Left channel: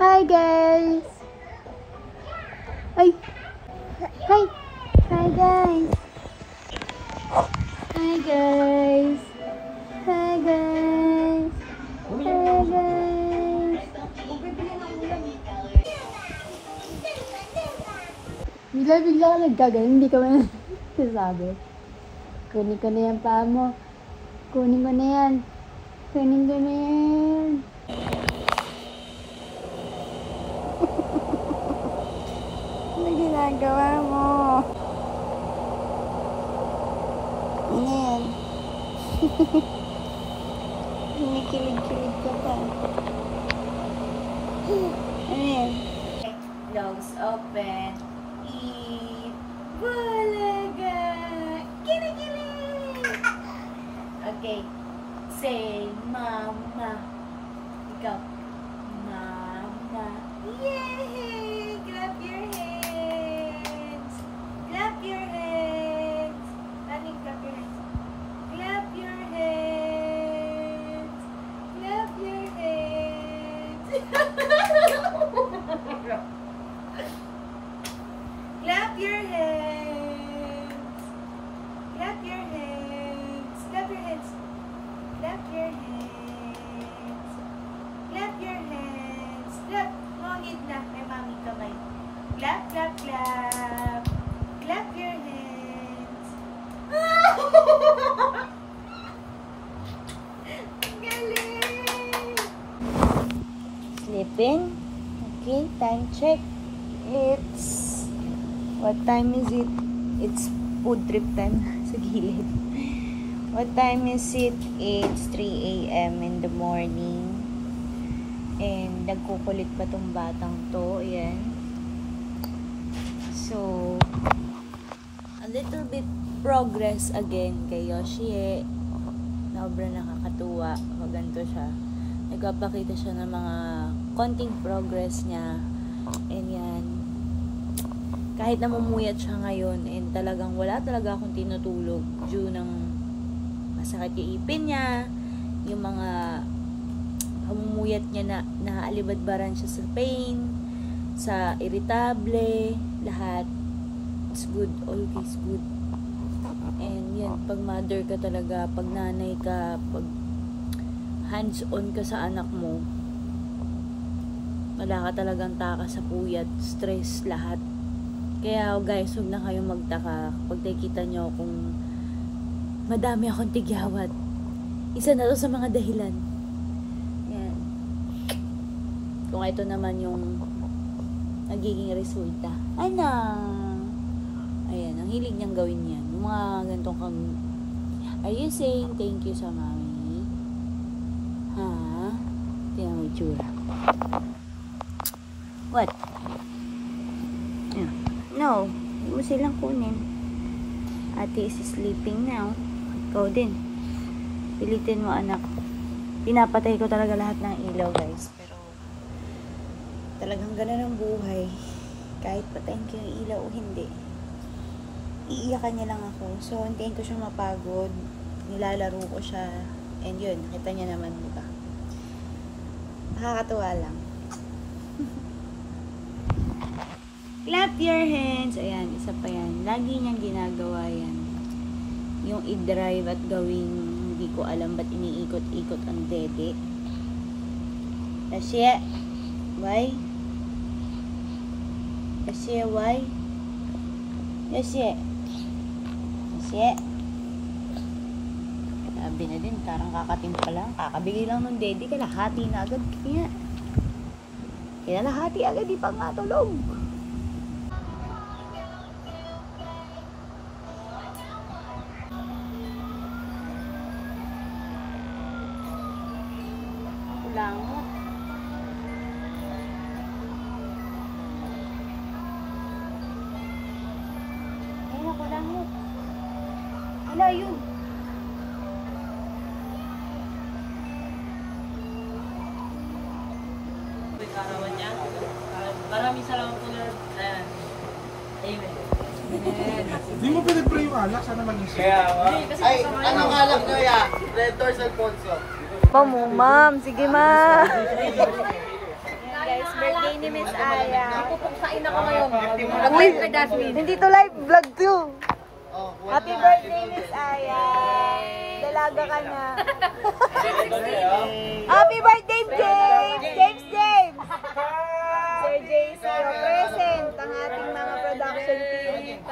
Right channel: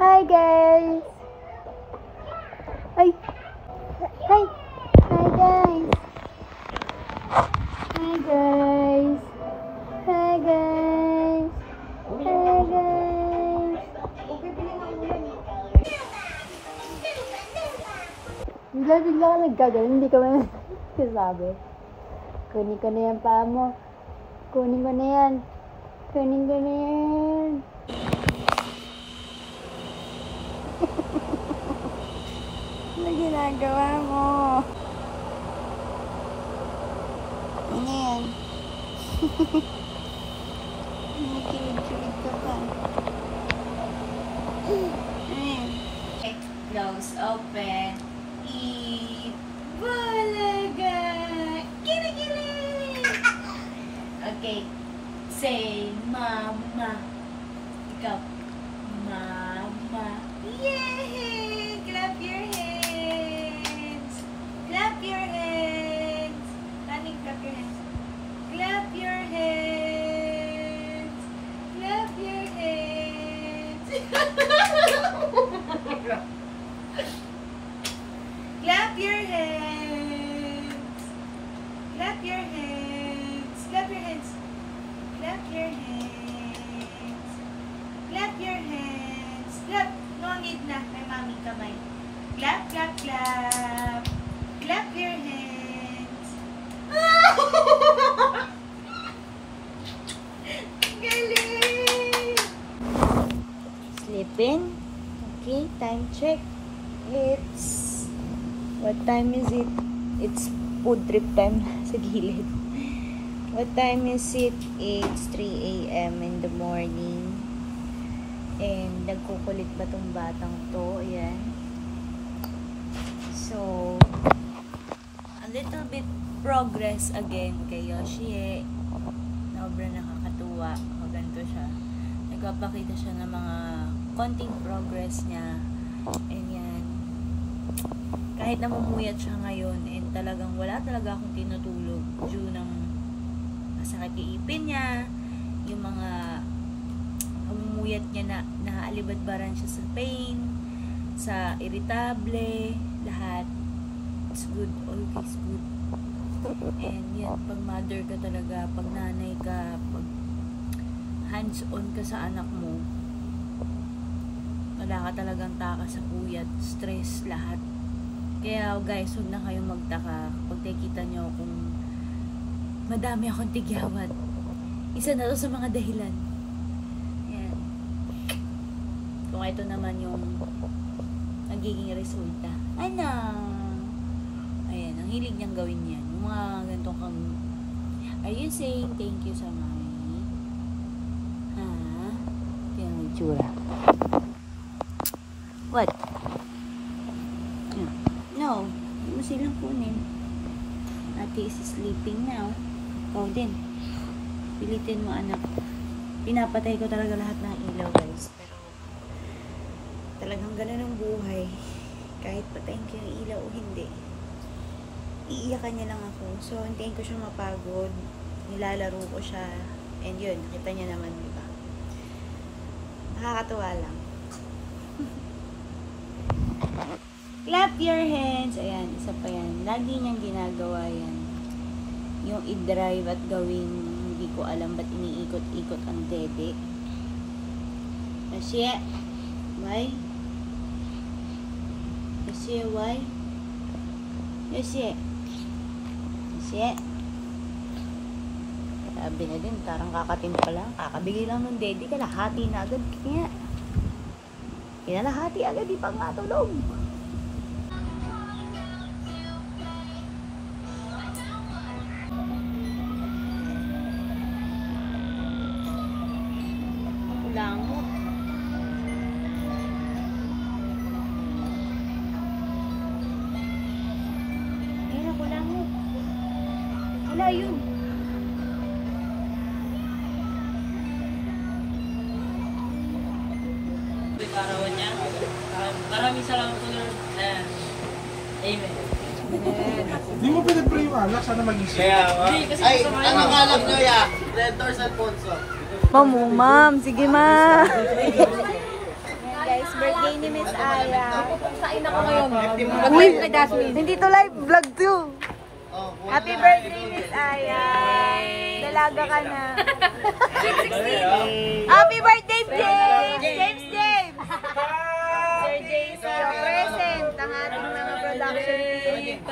Hi guys! Ay! Hi! Hi guys! Hi guys! Hi guys! Hi guys! Bigla ka nagkagaling, hindi ka man sasabi. Kunin ko na yan paa mo. Kunin ko na yan. Kunin ko na yan. Ano ginagawa mo? Ano yan? Kinikilig-kilig ka pa. Ano yan? Close, open, eat, bulaga, kinikilig! Okay, say mama. Ikaw, mama. Yay! Clap your hands. Clap your hands. Honey, clap your hands. Clap your hands. Clap your hands. Clap your hands. Clap your hands. Clap your hands. Clap your hands. Clap your hands. Clap. No need na. May mami kamay. Clap, clap, clap. Clap your hands. Galing! Sleeping? Okay, time check. What time is it? It's food trip time sa gilid. What time is it? It's 3 AM in the morning. And nagkukulit pa tong batang to. Ayan. So, a little bit progress again kay Yoshie. Sobrang nakakatuwa. Maganto siya. Nagpapakita siya ng mga konting progress niya. And yan. Kahit namumuyat siya ngayon and talagang wala talaga akong tinutulog due ng masakit yung ipin niya, yung mga hamumuyat niya na naaalibadbaran siya sa pain, sa irritable, lahat. It's good, always good. And yan, pag mother ka talaga, pag nanay ka, pag hands-on ka sa anak mo, wala ka talagang taka sa puyat, stress, lahat. Kaya guys, huwag na kayong magtaka pag nakikita nyo kung madami akong tigyawat. Isa na to sa mga dahilan. Yan. Kung ito naman yung nagiging resulta. Ano? Ayan, ang hilig niyang gawin yan. Yung mga ganitong kang... Are you saying thank you sa mami? Ha? Tingnan mo itsura. What? Yeah. No, hindi mo silang kunin. Ate is sleeping now. Ikaw din. Pilitin mo, anak. Pinapatay ko talaga lahat ng ilaw, guys. Pero, talagang ganun ang buhay. Kahit patayin ko yung ilaw o hindi. Iiyakan niya lang ako. So, hintayin ko siyang mapagod. Nilalaro ko siya. And yun, nakita niya naman, di ba? Nakakatuwa lang. Clap your hands. Ayan, isa pa yan. Lagi niyang ginagawa yan. Yung i-drive at gawing hindi ko alam ba't iniikot-ikot ang dede. Yoshie, why? Yoshie, why? Yoshie. Yoshie. Sabi na din, parang kakatin pa lang. Kakabigay lang ng dede, kalahati na agad. Kaya, kinalahati agad, di pa nga tulog. Wala yun. Karawan niya. Maraming salamat po, Lord. Amen. Hindi mo pinag-pray yung anak, sana mag-isip. Ay, anong anak nyo yan? Red Doors Alfonso. Ma'am, sige ma. Guys, Birthday ni Miss Aya. Pupuksain ako ngayon. Mag-live ka, Jasmine. Hindi to live, vlog to. Happy birthday, Miss Aya. Dalaga ka na. Happy birthday, James! James! Sir JC, your present. Ang ating mga production team.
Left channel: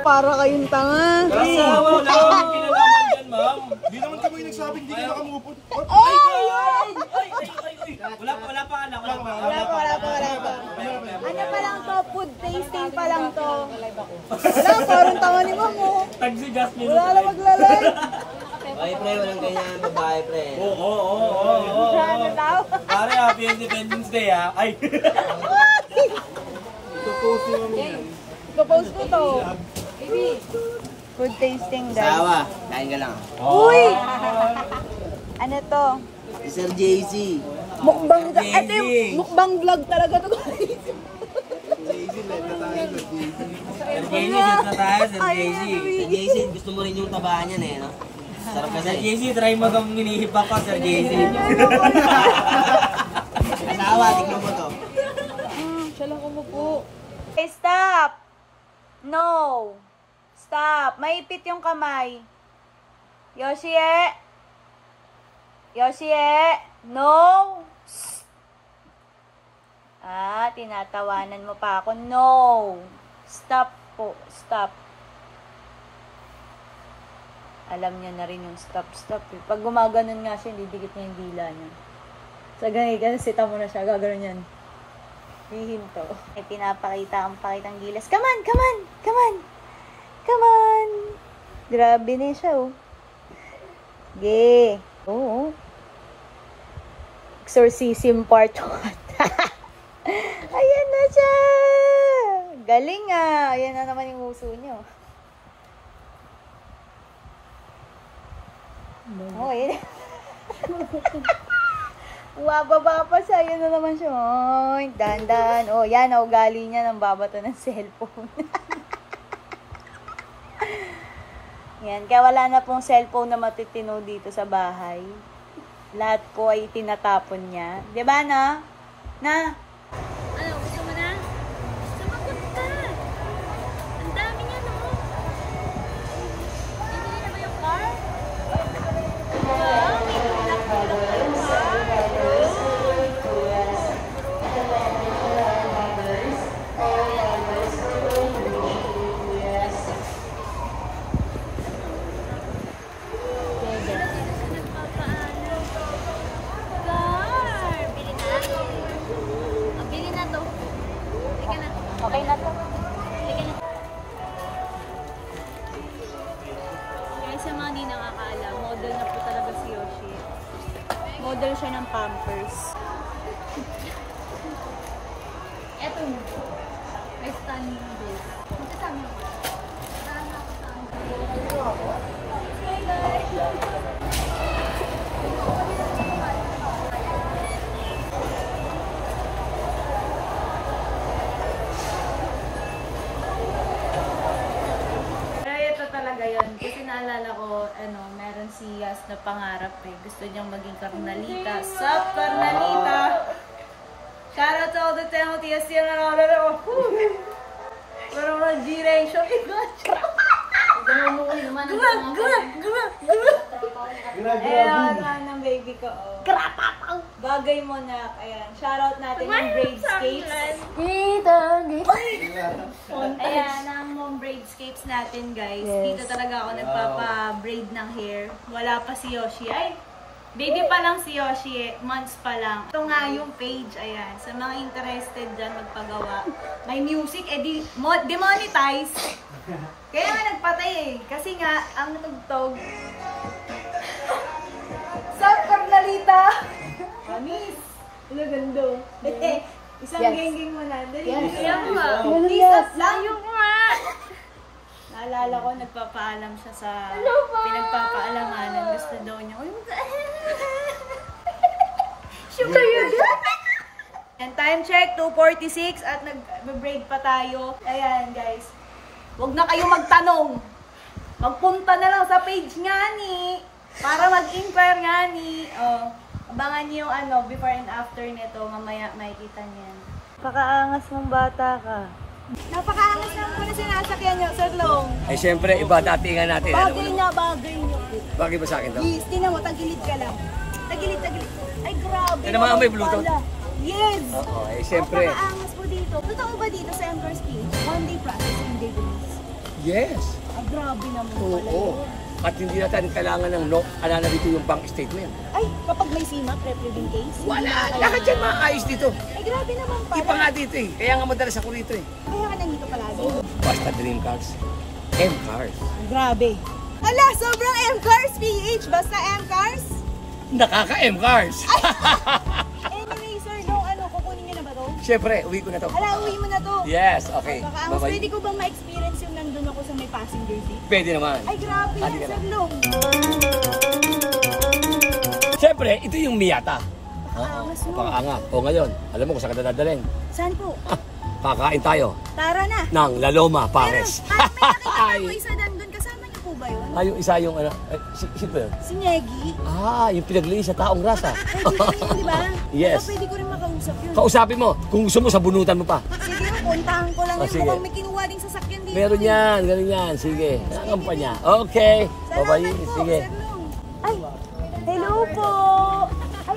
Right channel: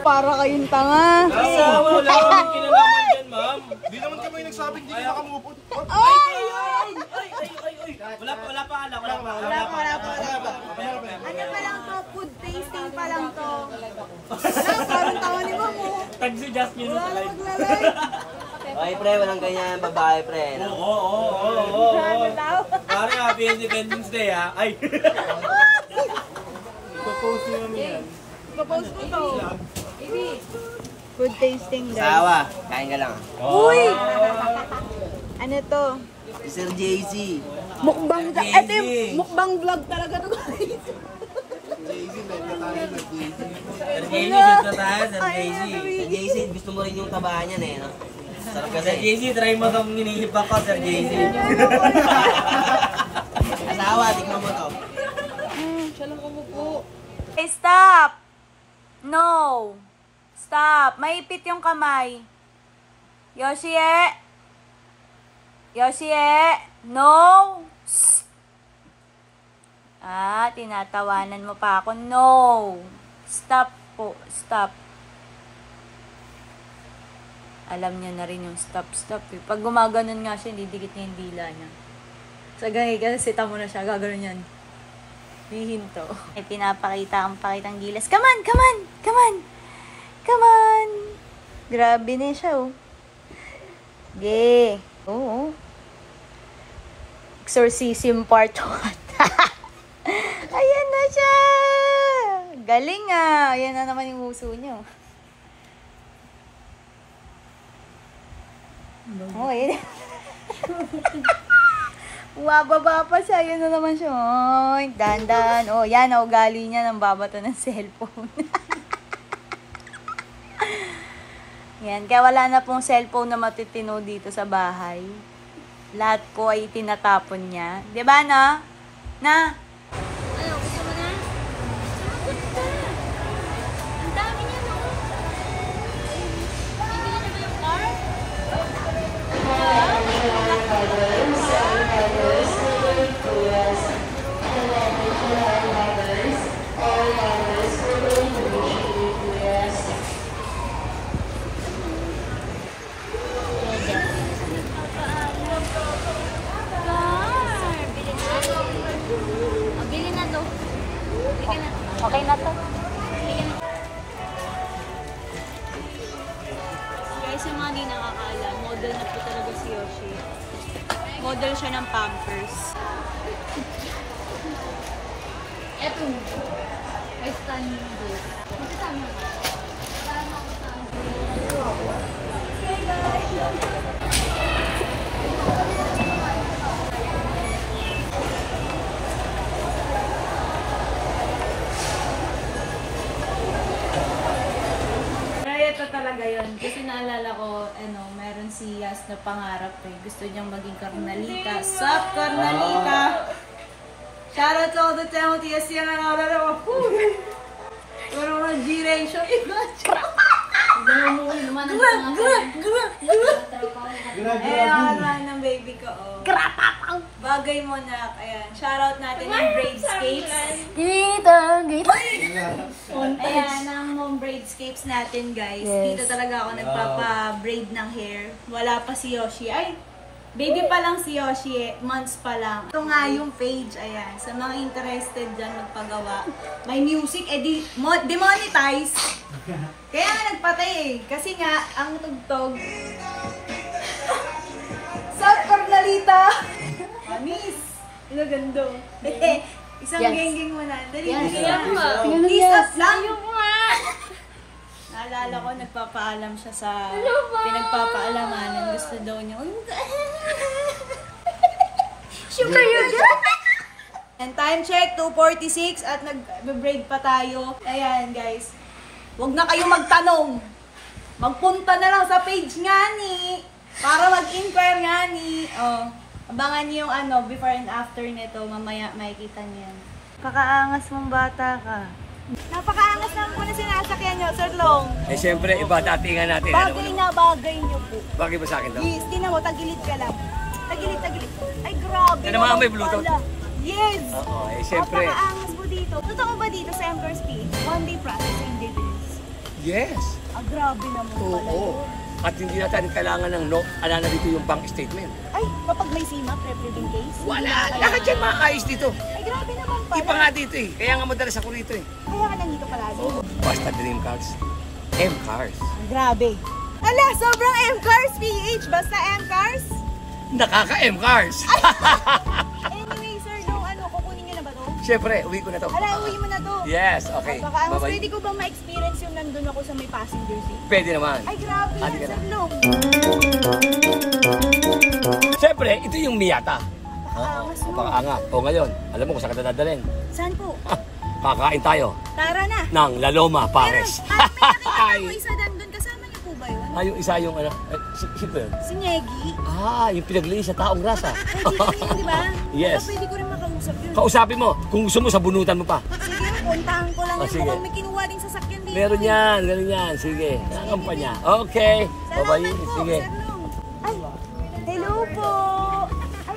Para kayong tanga. Asawa, wala akong kinalaman yan, ma'am. Di naman kami nagsabing di ka nakamupot. Wala pa. Ano pa lang to? Food tasting pa lang to. Wala, parang tanga ni Ma'am mo. Tag si Jasmine. Wala na maglalay. Ay, pre, walang ganyan, babae, pre. Oo. Ano daw? Pare, happy Independence Day, ha? Ay. Papost ko to. Food tasting, guys. Asawa, kain ka lang. Uy! Ano to? Si Sir JC. Mukbang, ito yung mukbang vlog talaga to, guys. Sir JC, dito tayo, Sir JC. Sir JC, gusto mo rin yung tabaan yan eh, no? Sarap kasi. Sir JC, try mo itong hinihipak ko, Sir JC. Asawa, tignan mo to. Siya lang umupo. Hey, stop! No! Stop! Maipit yung kamay. Yoshie! Yoshie! No! Tinatawanan mo pa ako. No! Stop po. Stop. Alam niya na rin yung stop. Pag gumaganon nga siya, didikit niya yung dila niya. So, ganyan, kasi sita mo na siya. Gagano'n yan. Hihinto. Pinapakita ang pakitang gilas. Come on! Grabe na siya, oh. Yeah. Oo. Exorcism part 1. Ayan na siya! Galing ah! Ayan na naman yung uso niyo. Oh, ayan. Wababa pa siya. Ayan na naman siya. Oh, dandan. Oh, yan. Oh, gali niya ng babato ng cellphone. Yan. Kaya wala na pong cellphone na matitino dito sa bahay. Lahat po ay tinatapon niya. Diba na? Na? Ano? Gusto mo na? Sumagot ka! Ang dami niya, no? Bibili na ba yung car? Okay na to. Guys, yung mga hindi nakakaalam, model na po talaga si Yoshi. Model siya ng Pampers. Eto. I stand this. Magkasama mo. Talaga yun. Kasi naalala ko, meron si Yas na pangarap eh. Gusto niyang maging Carnalita. Sup, Carnalita? Shout out to all the Timothy Yas yan. Parang mga G-ratio. Namumuwi naman ang ang ng baby ko. Bagay mo na. Ayan. Shoutout natin yung Bradescapes. Ayan, ang mong Bradescapes natin, guys. Dito talaga ako nagpapa-braid ng hair. Wala pa si Yoshi. Ay, baby pa lang si Yoshi. Months pa lang. Ito nga yung page. Ayan. Sa mga interested dyan magpagawa. May music. Demonetize. Kaya nga nagpatay eh. Kasi nga, ang tugtog. Sup, Carnalita? Miss! Ano gando? Isang geng-geng mo na. Dali please up lang yung naalala ko, nagpapaalam siya sa pinagpapaalamanan. Gusto daw niya. Uy, syempre yun. And time check, 2:46 at nag-braid pa tayo. Ayan guys. Huwag na kayo magtanong. Magpunta na lang sa page nga ni. Para mag-inquire nga ni. Oh. Abangan niyo yung ano, before and after nito. Mamaya makikita niyan. Pakaangas mong bata ka. Napakaangas naman po na sinasakyan niyo, Sir Long. Eh siyempre, iba datingan natin. Bagay na bagay niyo po. Bagay ba sa akin to? Yes, tinan mo, tagilid ka lang. Tagilid. Ay, grabe. Ano naman, may Bluetooth? Pala. Yes. Oo, eh siyempre. Napakaangas po dito. Totoo ba dito sa Emperor's Page? One day process, hindi release. Yes. Grabe naman pala Oo. yun. At hindi natin kailangan ng na dito yung bank statement. Ay, kapag may CMAP, reprevent case? Wala. Lahat yan maayos dito. Ay, grabe naman pala. Iba nga dito eh. Kaya nga madalas ako rito eh. Kaya ka nandito palagi. Basta Dream Cars. M Cars. Grabe. Ala, sobrang M-Cars PH. Basta M-Cars. Nakaka-M Cars. Anyway, Sir Long, kukunin niyo na ba to? Siyempre, uwi ko na to. Ala, uwi mo na to. Yes, okay. Baka, Bye-bye. pwede ko ba ma-experience yung nandun ako sa may passenger seat? Pwede naman. Ay, grabe yan, Halika Sir na. Long. Siyempre, ito yung Miata. Angas mo. Pakaangat. O ngayon, alam mo kung saan ka dadalhin. Saan po? Kakain tayo Tara na. ng La Loma Pares. Pero, may nakita ko isa nandun. Kasama niyo po ba yun? Yung isa yung ano, sino ba yun? Si Negi. Yung pinaglinis sa taong rasa. Ay, dito yun, di ba? Yes. Baka pwede ko rin makausap yun. Kausapin mo, kung gusto mo, sabunutan mo pa. Sige, puntahan ko lang yun. sige. Mukhang may kinuha ding sasakyan dito. Meron yan, ganun yan. Sige, nakampanya. Okay. Salamat Bye-bye. po, Sige. Sir Long. Ay, hello po.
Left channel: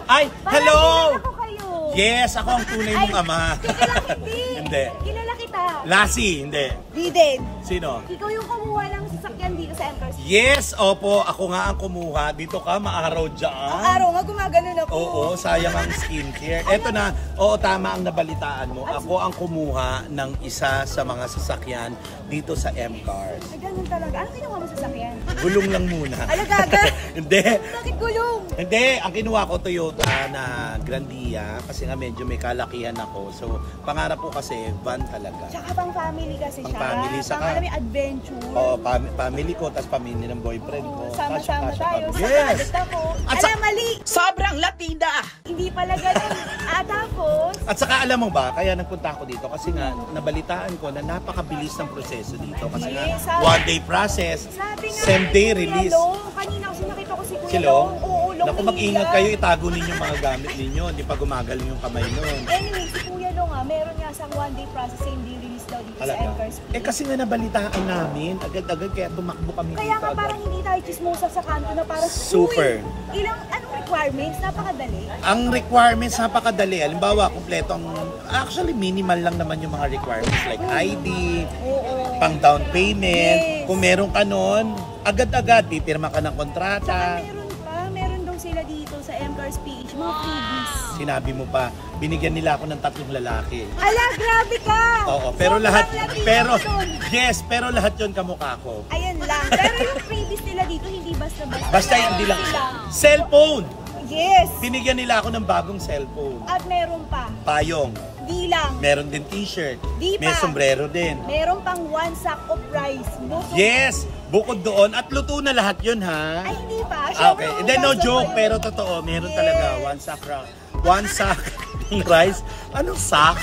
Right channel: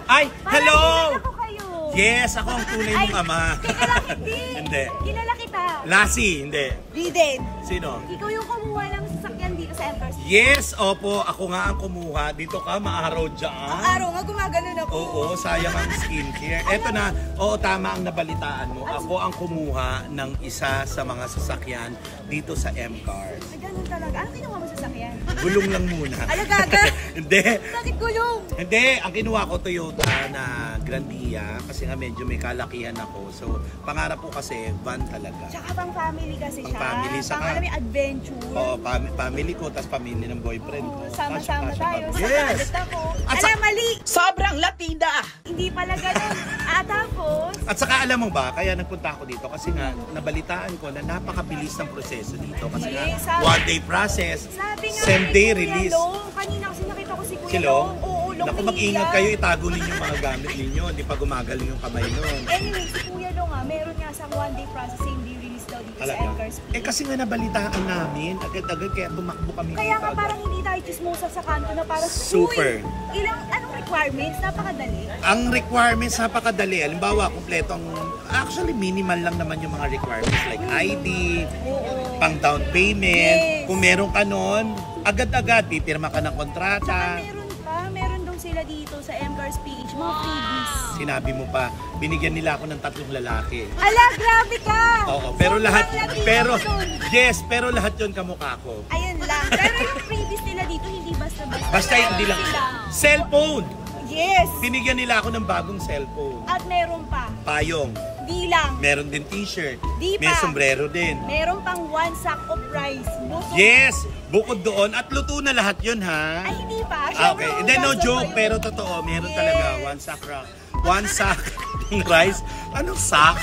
Ay, hello! Parang ako kayo. Yes, ako ang tunay mong ama. Teka lang, hindi. Hindi. Kilala kita. Lassie, hindi. Diden. Sino? Ikaw yung kumuha ng sasakyan dito sa Empress. Yes, opo. Ako nga ang kumuha. Dito ka, maaraw dyan. Ang araw nga, gumaganon ako. Oo, sayang ang skincare. Eto na, oo, tama ang nabalitaan mo. Ako ang kumuha ng isa sa mga sasakyan dito sa M-Cars. Ay, ganun talaga. Ano kinuha mo sa sasakyan? Gulong lang muna. Alagaga. Hindi. Bakit gulong? Hindi, ang kinuha ko Toyota na Grandia kasi nga medyo may kalakihan ako. So, pangarap ko kasi van talaga. Tsaka pang family kasi Pang siya. family, saka- Pang alam mo, adventure. Oo, family ko, tas family ng boyfriend ko. Sama-sama Kasya-kasya tayo. kami. Sa Yes! kadet ako. At Alam, mali. Sobrang latida! Hindi pala ganun. Tapos, At saka alam mo ba, kaya nagpunta ako dito kasi nga nabalitaan ko na napakabilis ng proseso dito kasi nga Yes, sabi- one day process, sabi nga same kay day Kuya release. Long, kanina kasi nakita ko si Kuya Si Long? Oo, Long Naku, Manila. mag-ingat kayo, itago ninyo yung mga gamit ninyo, hindi pa gumagaling yung kamay nun. Anyway, si Kuya Long meron nga sa one day process, same day release daw dito sa Talaga. Empress. Kasi nga nabalitaan namin, agad-agad kaya tumakbo kami Kaya dito nga agad. parang hindi tayo chismosa sa kanto na parang Super. "Uy, anong requirements? Napakadali. Ang requirements napakadali. Halimbawa, kompleto ang actually minimal lang naman yung mga requirements like ID, Oo. pang down payment. Yes. Kung meron ka nun, agad-agad pipirma ka ng Tsaka kontrata. meron daw sila dito sa Emperor's PH, mga freebies. Sinabi mo pa, binigyan nila ako ng 3 lalaki. Ala, grabe ka! Oo, pero Sobrang lahat, Latino pero, dun. yes, pero lahat yun kamukha ko. Ayun lang. Pero yung freebies nila dito, hindi basta-basta. Basta hindi lang. Sila. Cellphone! Yes! Binigyan nila ako ng bagong cellphone. At meron pa. Payong. Di lang. Meron din t-shirt. Di May pa. sombrero din. Meron pang one sack of rice. Bukod. Yes! Bukod doon, at luto na lahat yun, ha? Ay, hindi pa. Okay, and then no joke, pero totoo, meron talaga one sack ng rice. Anong sack?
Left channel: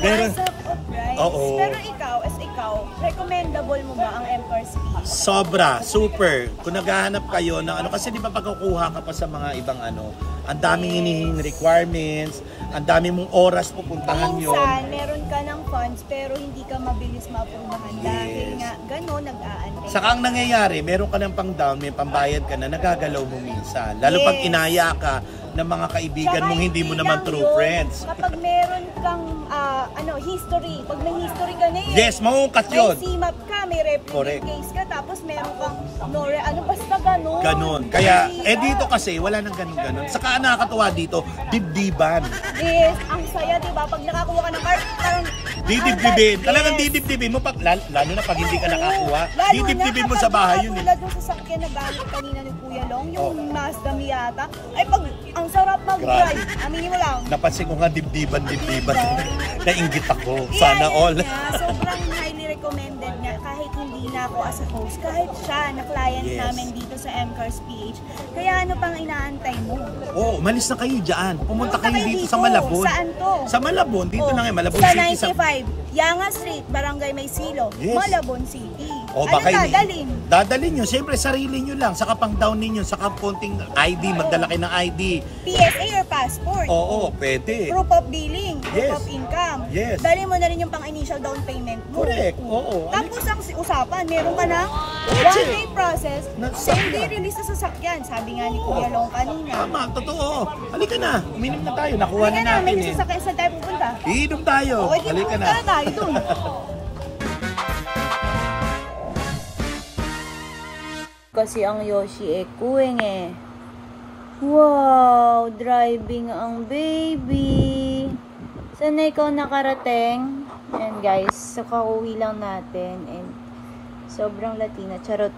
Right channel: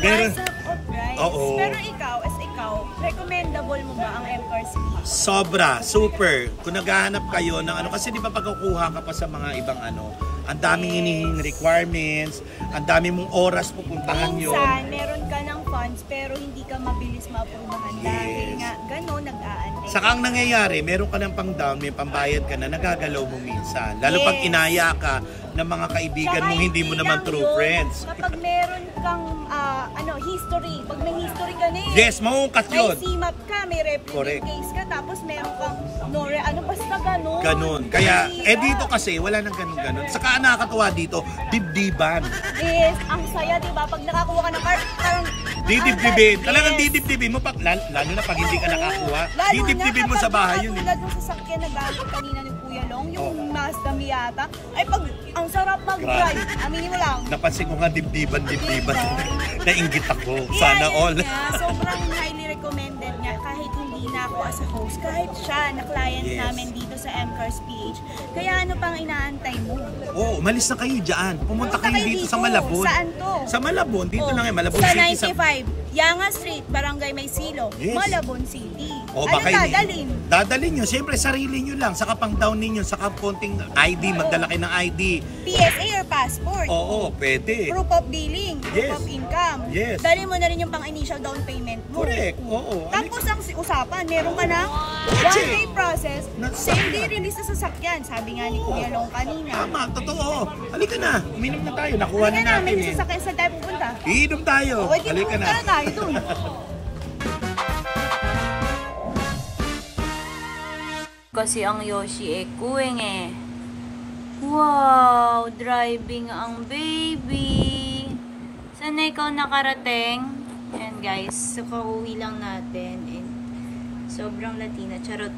One sack of rice. Oo. Pero ikaw, as ikaw, recommendable mo ba ang Emperor's PH? Sobra, super. Kung naghahanap kayo ng ano, kasi di ba pagkukuha ka pa sa mga ibang ano, ang daming hinihing requirements, ang daming mong oras pupuntahan yun. Minsan, meron ka ng funds pero hindi ka mabilis maaprubahan dahil Yes. nga gano'n nag-aantay. Saka ang nangyayari, meron ka ng pang down, may pambayad ka na, nagagalaw mo minsan. Lalo pag Yes. inaya ka ng mga kaibigan Tsaka mong hindi mo naman lang true yun, friends. Kapag meron kang history, pag may history ka na eh. Yes, maungkat May yun. CMAP ka, may reprevent Correct. case ka, tapos meron kang basta gano'n. Ganon. Kaya, Mahirap. dito kasi, wala nang ganon-ganon. Saka ang nakakatuwa dito, dibdiban. Yes, ang saya, diba? Pag nakakuha ka ng car, parang... Didibdibin. Yes. Talagang didibdibin mo. Lalo na pag hindi ka nakakuha. Lalo Didibdibin na mo sa kapag bahay yun. katulad ng sasakyan na gamit kanina ni Kuya Long, yung Oh. Mazda Miata, ay pag ang sarap mag-drive, aminin mo lang. Napansin ko nga dibdiban. Nainggit ako. Sana Kaya all. yun nga, sobrang highly recommended nga kahit hindi na ako as a host, kahit siya na client Yes. namin dito sa M-Cars PH. Kaya ano pang inaantay mo? Oo, umalis na kayo dyan. Pumunta Pumunta kayo kayo dito dito. sa Malabon. Saan to? Sa Malabon. Dito Oh, lang eh. Malabon sa City. 95, Yanga Street, Barangay Maysilo, Yes. Malabon City. O Anong baka dadalhin? Dadalhin nyo, siyempre sarili nyo lang, saka pang down ninyo, saka konting ID, magdala kayo ng ID. PSA or passport? Oo, pwede. Proof of billing, proof Yes. of income. Yes. Dali mo na rin yung pang-initial down payment mo. Correct, oo. Tapos ang usapan, meron ka ng Kotse. one-day process, Na same day sasakyan. release na sasakyan. Sabi nga ni Kuya Long kanina. Tama, totoo. Halika na, uminom na tayo, nakuha Halika na na, may natin eh. sasakyan sa tayo pupunta. Iinom tayo, Okay, di halika pupunta na. na tayo dun. Kasi ang Yoshi kuwing eh. Wow, driving ang baby. Saan na ikaw nakarating? Ayan guys, so kauwi lang natin and sobrang Latina. Charot.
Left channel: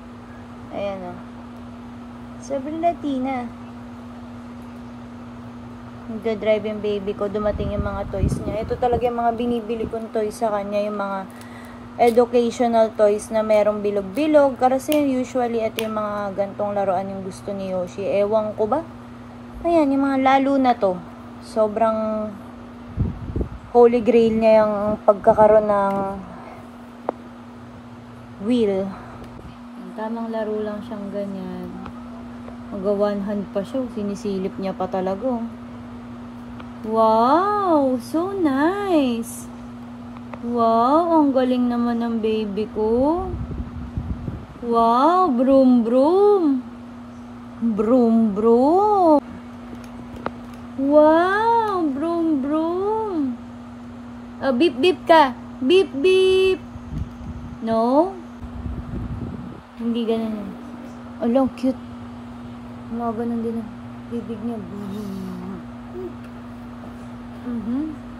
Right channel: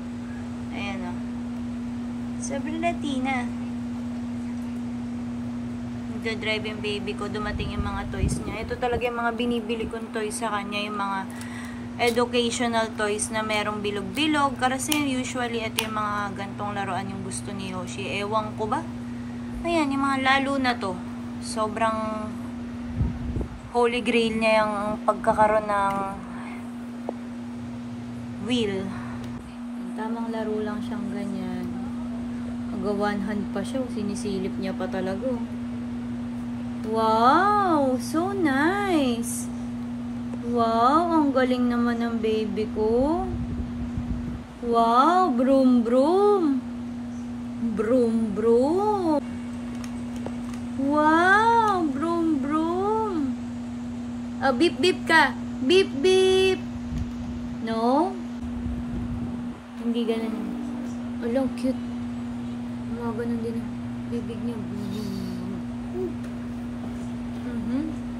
Ayan o. Sobrang Latina. Nagda-drive yung baby ko. Dumating yung mga toys niya. Ito talaga yung mga binibili kong toys sa kanya. Yung mga educational toys na merong bilog-bilog. Kasi usually ito yung mga gantong laruan yung gusto ni Yoshi. Ewan ko ba? Ayan, yung mga lalo na to. Sobrang holy grail niya yung pagkakaroon ng wheel. Yung tamang laro lang siyang ganyan. Mag-one hand pa siya. Sinisilip niya pa talaga. Wow! So nice! Wow! Ang galing naman ng baby ko. Wow! Broom broom! Broom broom! Wow! Broom broom! Beep beep ka! Beep beep! No? Hindi ganun. Alam, cute. Mga ganun din ang bibig niya.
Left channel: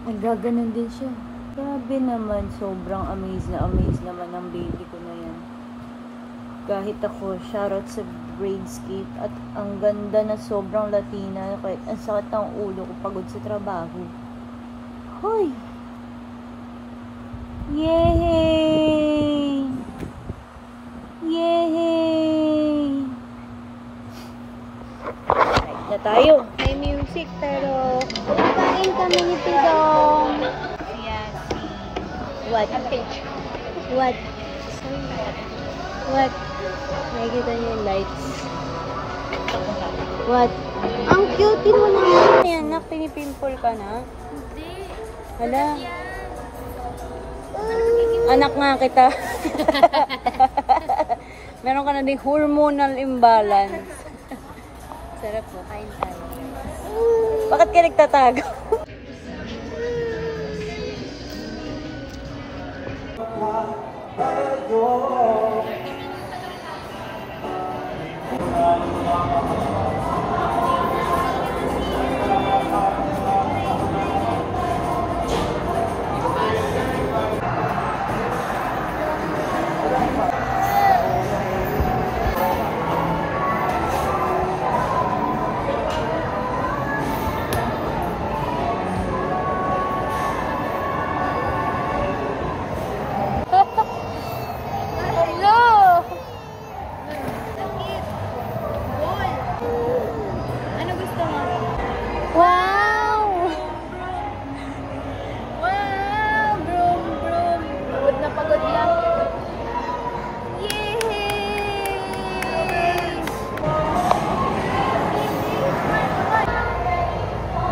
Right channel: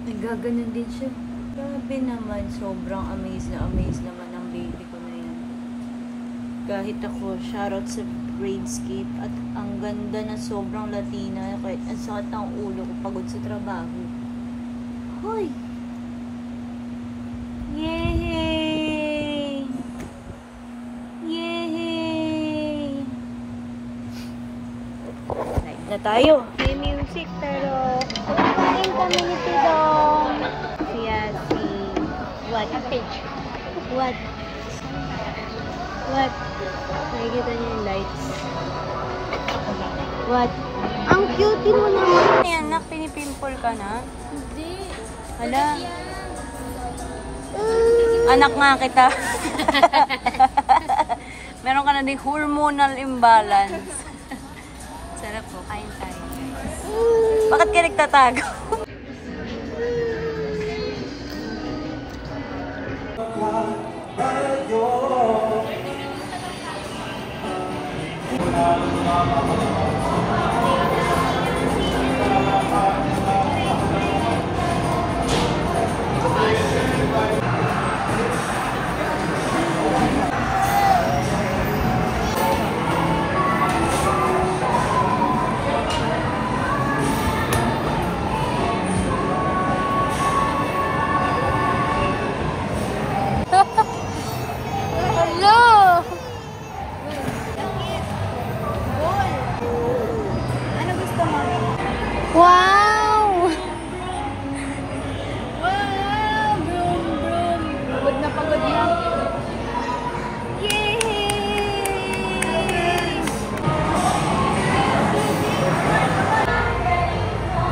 Nagaganon din siya. Grabe naman, sobrang amazed naman ang baby ko na yan. Kahit ako, shoutout sa Bradescape at ang ganda na sobrang Latina. Kahit ang sakit ng ulo ko, pagod sa trabaho. Hoy! Yay! Yay! Right na tayo. May music pero kain kami ni Tidong. Si What? What? What? Nakikita niyo yung lights. What? Ang cute mo naman. Ayan, nak, pinipimple ka na? Hindi. Hala. Anak nga kita. Meron ka na din hormonal imbalance. Sarap po, kain tayo. Bakit ka nagtatago? Ano gusto mo? Wow! Wow! Broom, broom. Pagod na pagod na. Yay!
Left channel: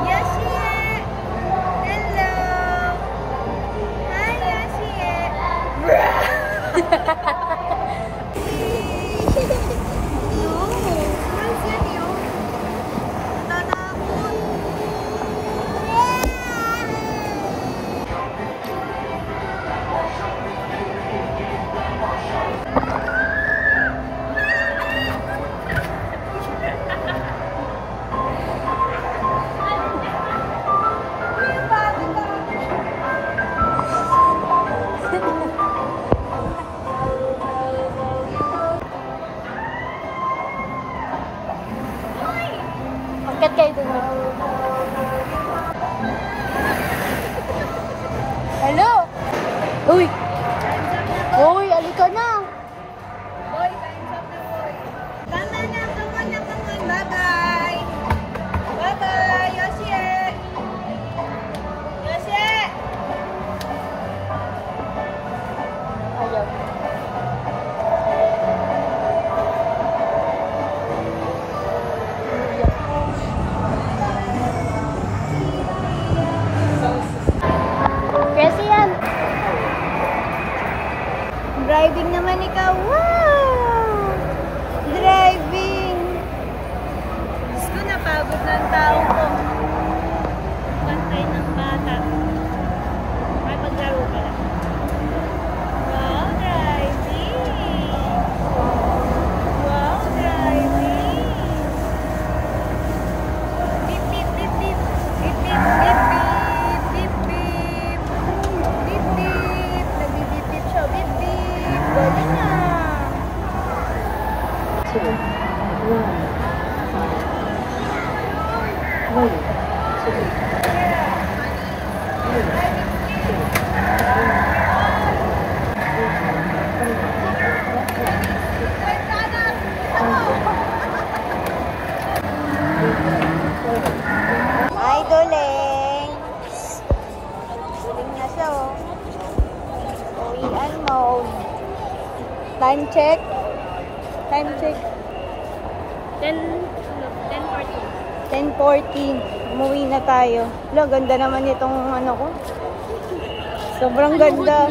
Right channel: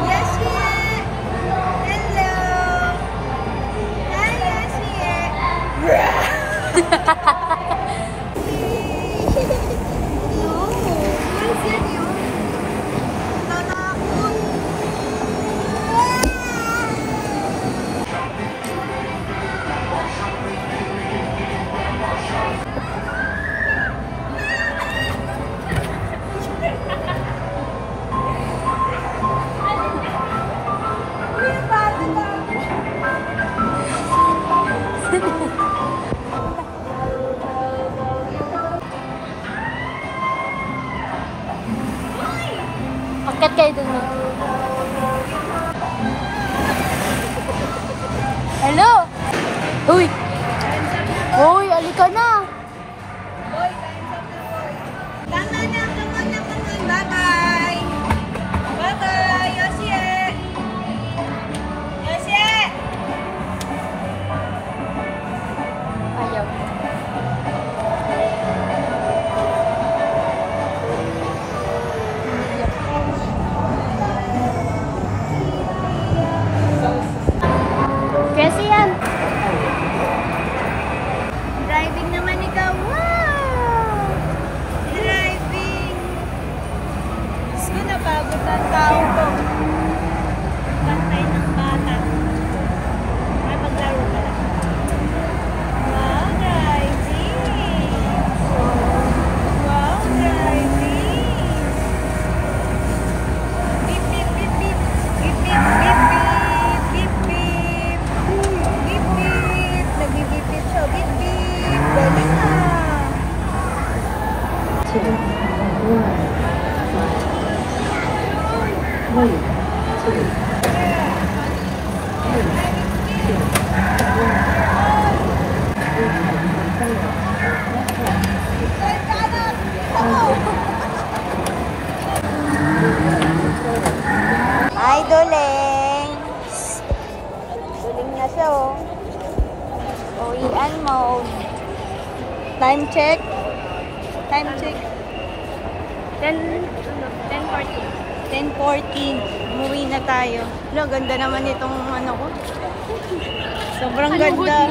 Yoshi! Hello! Hi, Yoshi! No! What is it yun? Tatakot! Angkat kayo dun. Hello? Uy! Uy, alika na! Tama na, come on. Bye-bye! Bye-bye, Yoshi! Yoshi! Ayaw. Ay, Doleng. Duling na siya, oh. Uwian mode. Time check. Time check. 10:40. Umuwi na tayo. Lo, ganda naman itong ano ko. Sobrang ganda.